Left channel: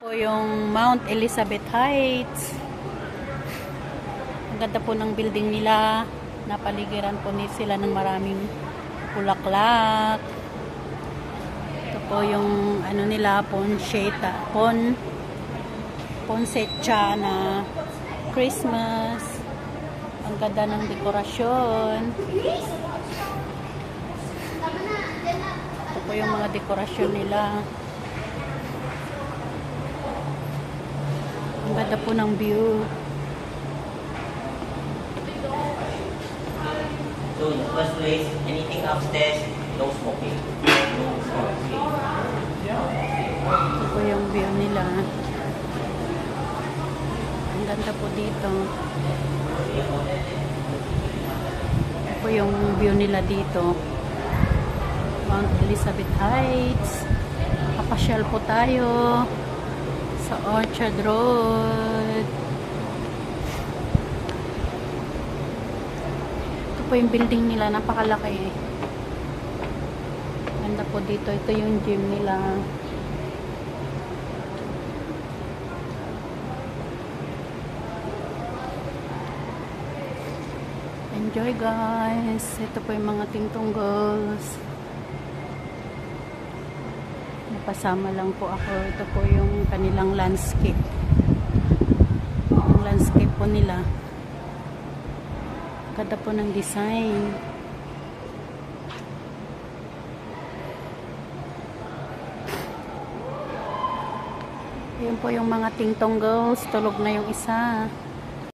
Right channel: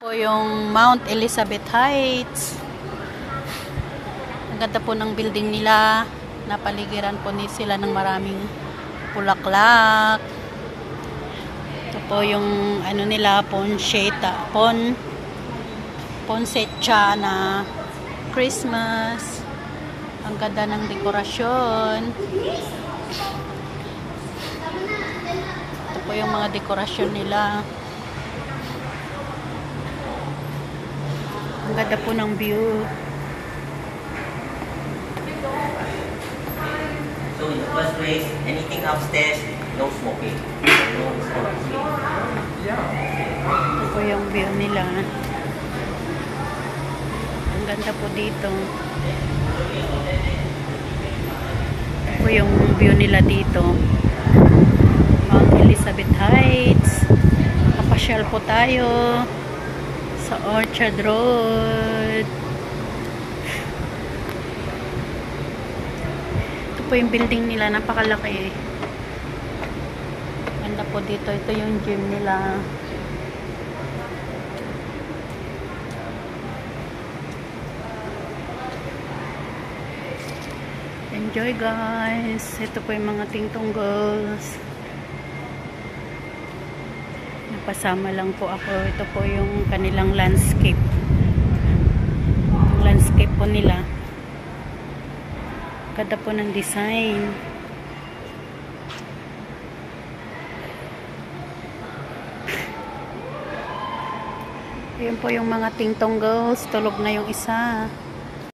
Po yung Mount Elizabeth Heights. Ang ganda po ng building nila. Napaligiran po sila ng maraming bulaklak. Ito po yung ano nila, poinsettia na Christmas. Ang ganda ng dekorasyon. Ito po yung mga dekorasyon nila. Ang ganda po ng view. So in the first place, anything upstairs, no smoking. No smoking. Ito po yung view nila. Ang ganda po dito. Ito po yung view nila dito. Mount Elizabeth Heights. Kapasyal po tayo sa Orchard Road. Ito po yung building nila, napakalaki. Ganda po dito. Ito yung gym nila. Enjoy guys. Ito po yung mga tingtunggos. Napasama lang po ako. Ito po yung kanilang landscape. Yung landscape po nila. Ganda po ng design. Ayan po yung mga tingtong girls. Tulog na yung isa.